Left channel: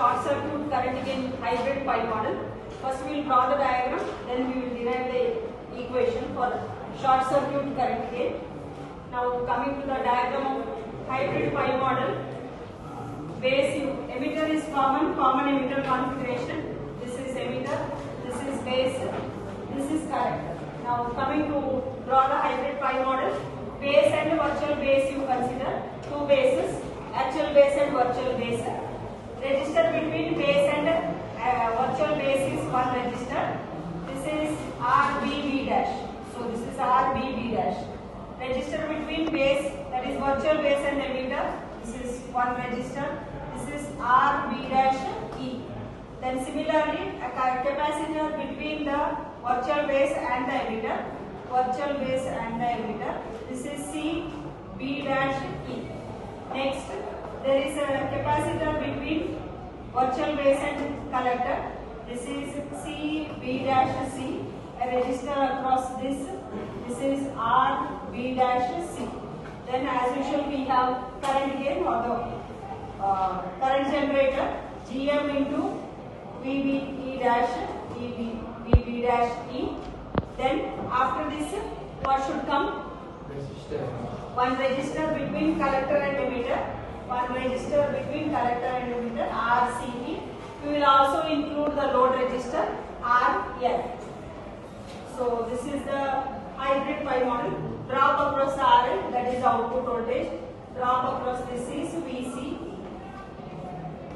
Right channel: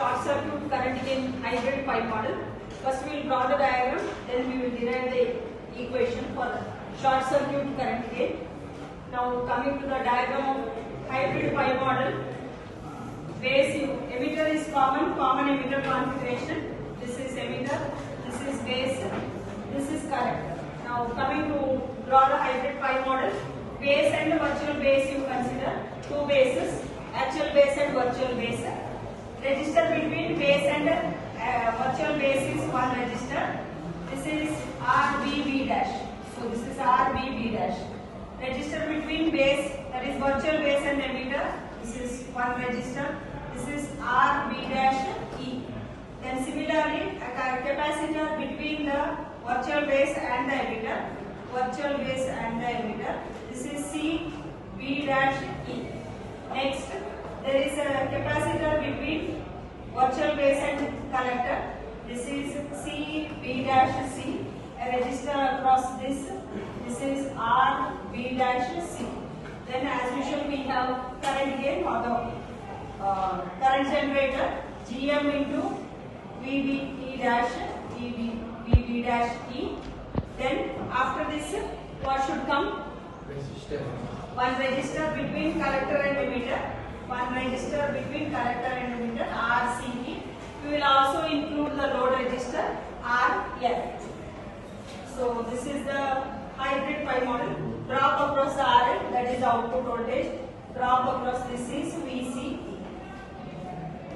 short circuit current gain hybrid pi model. First we will draw the diagram, then we will derive the equation for short circuit current gain. Now coming to the diagram of hybrid pi model, base emitter is common emitter configuration. This is emitter, this is base, this is current. Now coming to draw the hybrid pi model, base and virtual base you consider two bases, actual base and virtual base. Register between base and virtual base is one register. This is RVB dash. So this is RVB dash. Register between base, that is virtual base and emitter. This is one register. This is RB dash E. Then similarly, a capacitor between the virtual base and the emitter. Virtual base and the emitter. This is CB dash E. Next, there is a capacitor between virtual base and collector. This is CB dash C. A resistor across this. This is RB dash C. Then as usual we have current gain or the current generator GM into VB dash VB dash E. Then after this what should come? One resistor between collector and emitter. One resistor between collector and emitter RCE. We will also include the load resistor RF. So this is the hybrid pi model. Drop across the RL, that is output voltage. Drop across this is VC.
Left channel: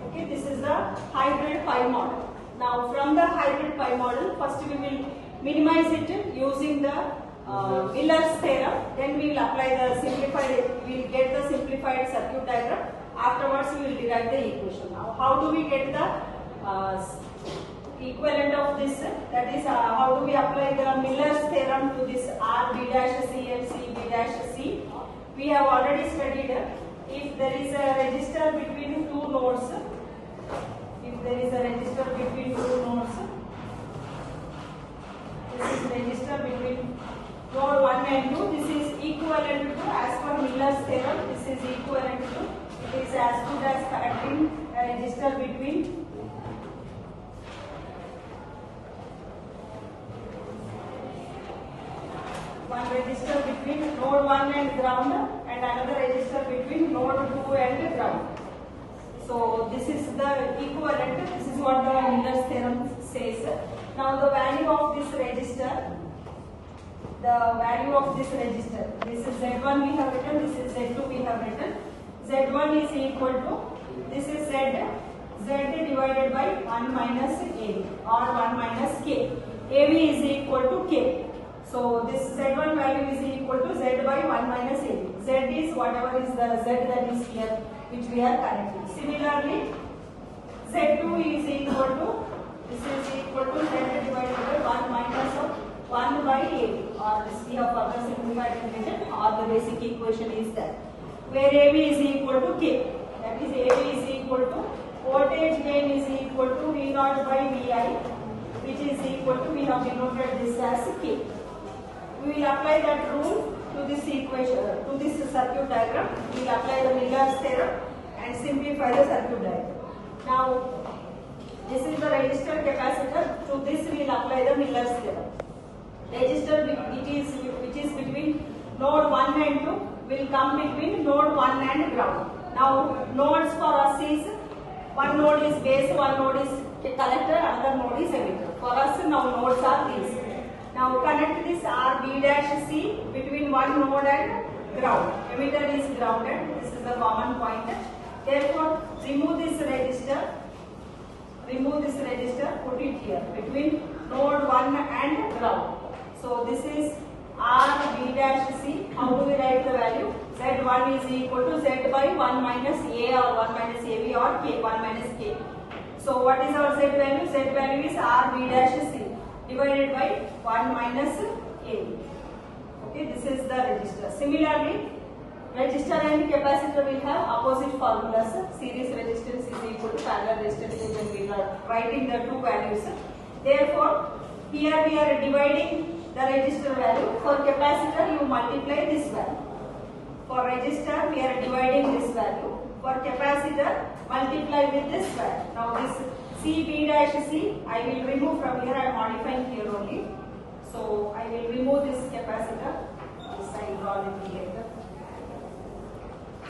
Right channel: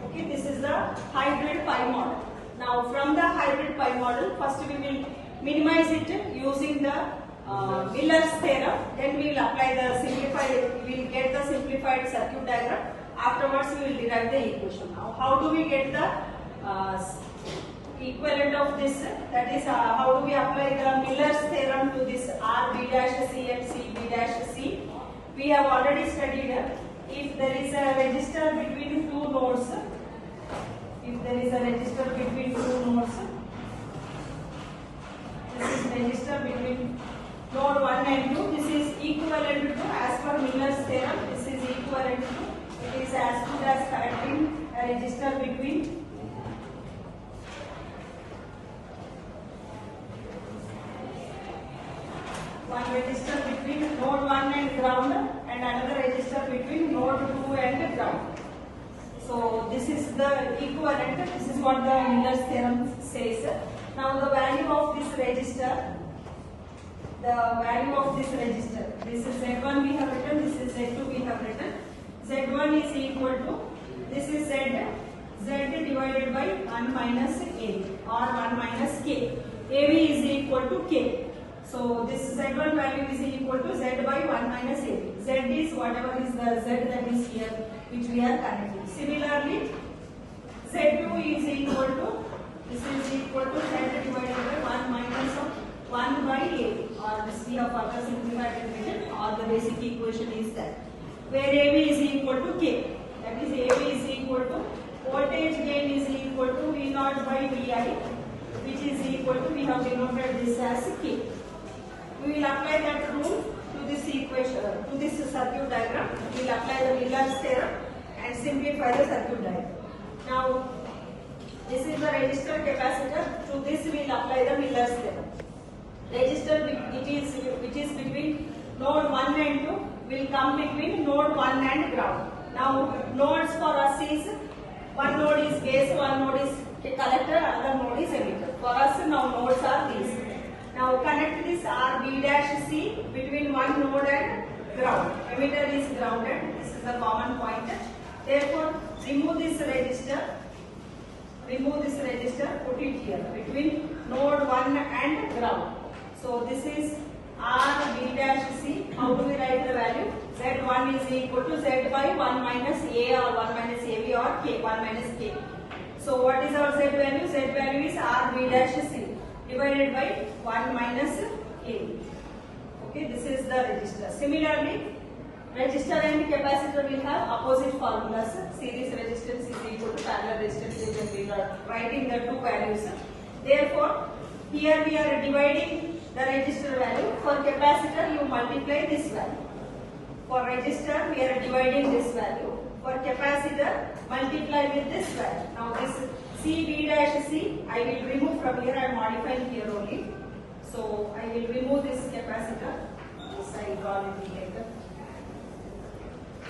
Okay, this is the hybrid pi model. Now from the hybrid pi model, first we will minimize it using the Miller's theorem. Then we will apply the simplified, we will get the simplified circuit diagram. Afterwards we will derive the equation. Now how do we get the equivalent of this? That is how do we apply the Miller's theorem to this RB dash C and CB dash C? We have already studied if there is a resistor between two nodes. If there is a resistor between two nodes, this is resistor between node 1 and 2. This is equivalent to, as per Miller's theorem, this is equivalent to, it is as good as connecting a resistor between one resistor between node 1 and ground and another resistor between node 2 and ground. So this is the equivalent, this is what the Miller's theorem says. Now the value of this resistor, this is Z1 we have written, this is Z2 we have written. Z1 is equal to, this is Z divided by 1 minus A or 1 minus K. AB is equal to K. So this Z1 value is equal to Z by 1 minus A. Z is whatever is the Z that is here, which we are connecting. Similarly, Z2 is equal to, this is equal to Z divided by 1 minus of 1 by A, or this we have further simplified equation, or the basic equation is that, where AB is equal to K. That is AB is equal to, voltage gain is equal to V0 by Vi, which is equal to, we have denoted this as K. We will apply that rule to this equation, to this circuit diagram. We will apply the Miller's theorem and simplify the circuit diagram. Now, this is the resistor capacitor. To this we will apply the Miller's theorem. Resistor, it is between node 1 and 2, will come between node 1 and ground. Now, nodes for us is, one node is base, one node is collector, another node is emitter. For us now nodes are these. Now connect this RB dash C between one node and ground. Emitter is grounded. This is the common point. Therefore, remove this resistor. Put it here between node 1 and ground. So this is RB dash C. How do we write the value? Z1 is equal to Z by 1 minus A or 1 minus AB or K, 1 minus K. So what is our Z value? Z value is RB dash C divided by 1 minus A. Okay, this is the resistor. Similarly, resistor and capacitor will have opposite formulas. Series resistance is equal to parallel resistance, when we are writing the two values. Therefore, here we are dividing the resistor value. For capacitor, you multiply this value. For resistor, we are dividing this value. For capacitor, multiply with this value. Now this C B dash C, I will remove from here. I am modifying here only. So I will remove this capacitor. This I will draw it later.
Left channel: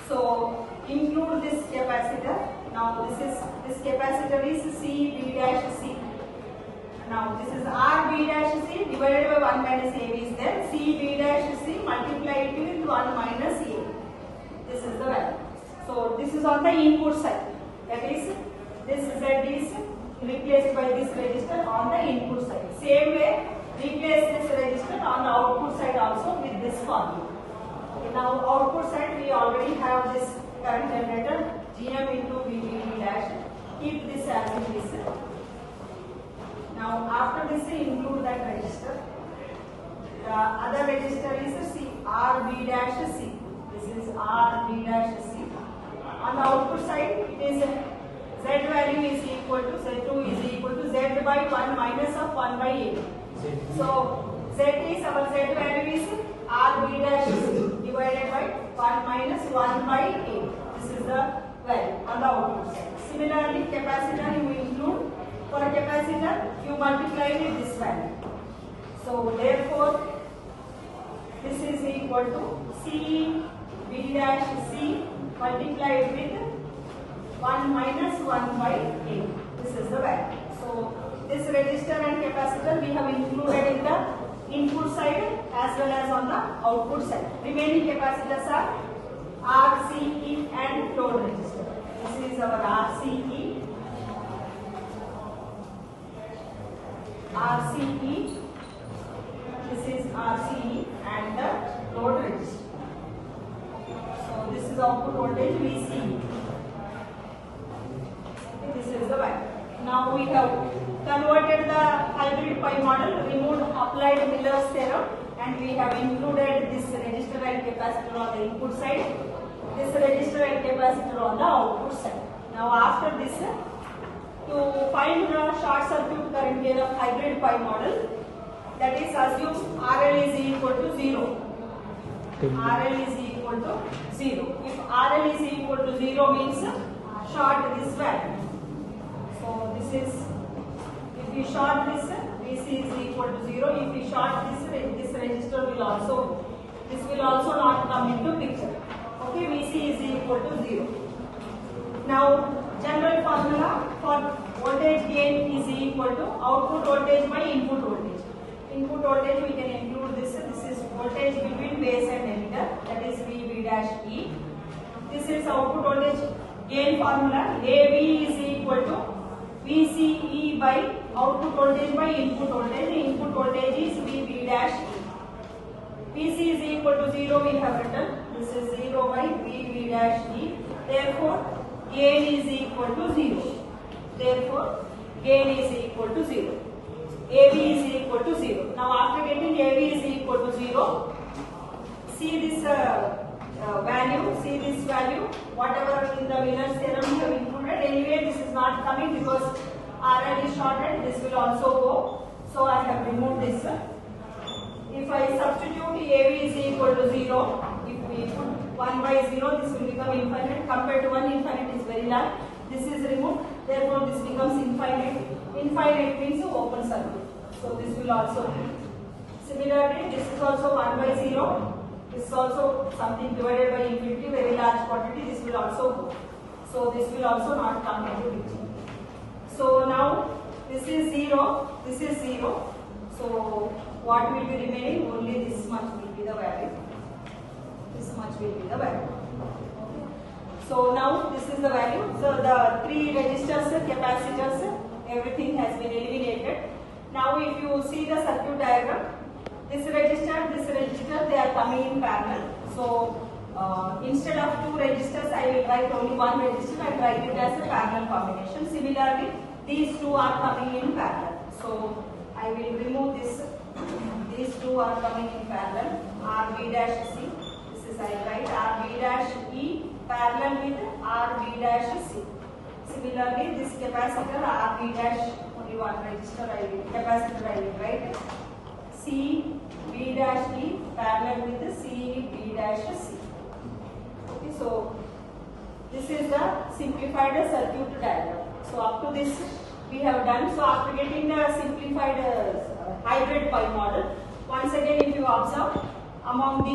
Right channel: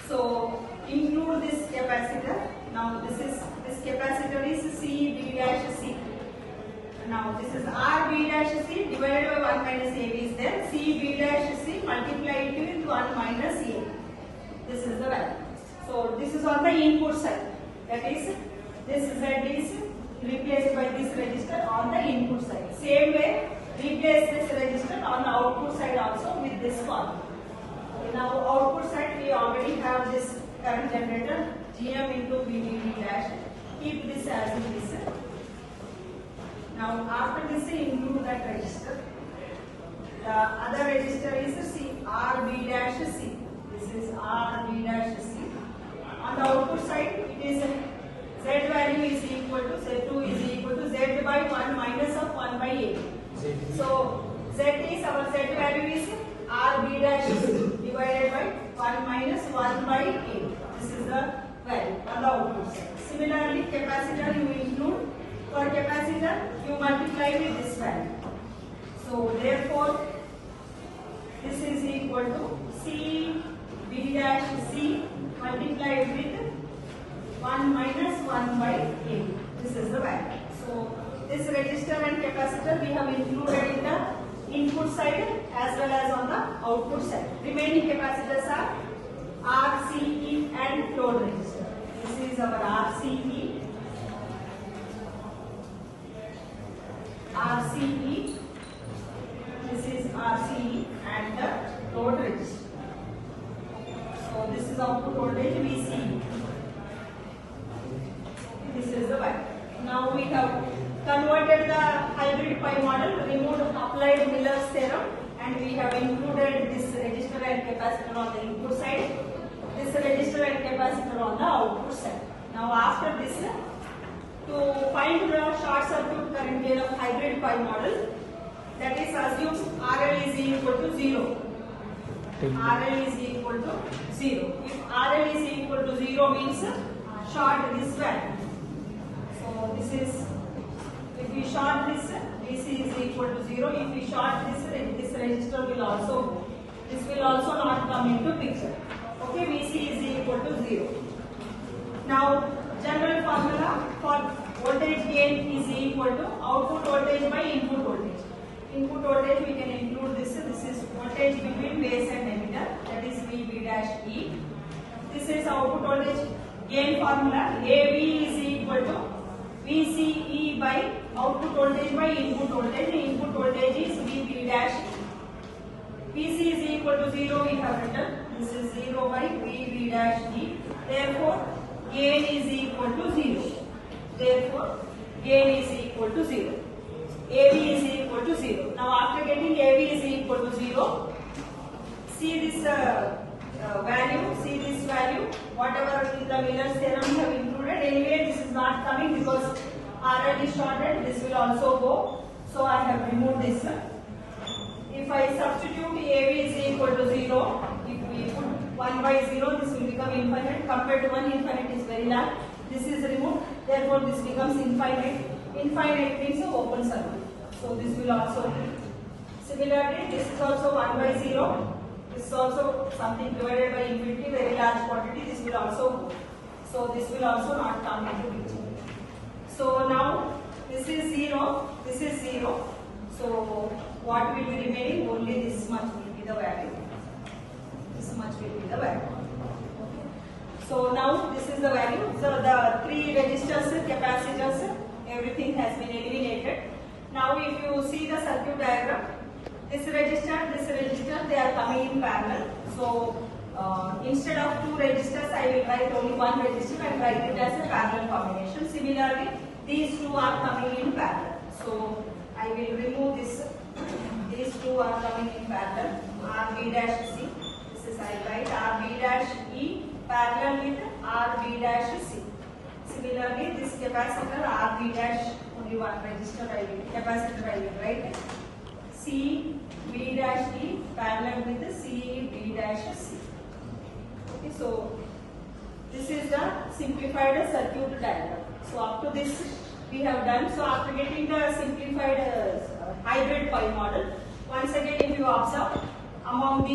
So include this capacitor. Now this capacitor is C B dash C. Now this is R B dash C divided by 1 minus A is there. C B dash C multiply it with 1 minus A. This is the value. So this is on the input side. That is, this Z is replaced by this register on the input side. Same way, replace this register on the output side also with this formula. Okay, now output side we already have this current generator GM into VDD dash. Keep this as it is. Now after this include that register. The other register is C, RB dash C. This is RB dash C. On the output side, it is Z value is equal to Z2 is equal to Z by 1 minus of 1 by A. So Z is our Z value is RB dash divided by 1 minus 1 by A. This is the value on the output side. Similarly, capacitor you include. For capacitor, you multiply with this value. So therefore, this is equal to C B dash C multiplied with 1 minus 1 by A. This is the value. So this register and capacitor we have included in the input side as well as on the output side. Remaining capacitors are RCE and load register. This is our RCE. RCE, this is RCE and the load register. So this is output voltage VCE. This is the value. Now we have converted the hybrid pi model, removed applied Miller's theorem, and we have included this register and capacitor on the input side, this register and capacitor on the output side. Now after this, to find the short circuit current gain of hybrid pi model, that is assume RL is equal to 0. RL is equal to 0. If RL is equal to 0 means short this value. So this is, if we short this, VC is equal to 0. If we short this register will also, this will also not come into picture. Okay, VC is equal to 0. Now general formula for voltage gain is equal to output voltage by input voltage. Input voltage we can include this. This is voltage between base and emitter. That is VB dash E. This is output voltage gain formula. AB is equal to VCE by output voltage by input voltage. Input voltage is VB dash E. VC is equal to 0 we have written. This is 0 by VB dash E. Therefore, gain is equal to 0. Therefore, gain is equal to 0. AB is equal to 0. Now, after getting AB is equal to 0, see this value, whatever in the Miller's theorem we have included. Anyway, this is not coming because RL is shorted. This will also go. So, I have removed this. If I substitute AB is equal to 0, if we put 1 by 0, this will become infinite. Compared to 1, infinite is very large. This is removed. Therefore, this becomes infinite. Infinite means an open circuit. So, this will also be. Similarly, this is also 1 by 0. This is also something divided by infinity, very large quantity. This will also go. So, this will also not come into picture. So, now this is 0. This is 0. So, what will be remaining? Only this much will be the value. This much will be the value. Okay. So now this is the value. So the 3 resistors, capacitors, everything has been eliminated. Now if you see the circuit diagram, this register, they are coming in parallel. So instead of 2 registers, I will write only 1 register and write it as a parallel combination. Similarly, these 2 are coming in parallel. So I will remove this. These 2 are coming in parallel. RB dash C. This is I write RB dash E parallel with RB dash C. Similarly, this capacitor RB dash only 1 register capacitor I will write C B dash E parallel with C B dash C. Okay, so This is the simplified circuit diagram. So up to this we have done. So after getting the simplified hybrid pi model, once again if you observe among the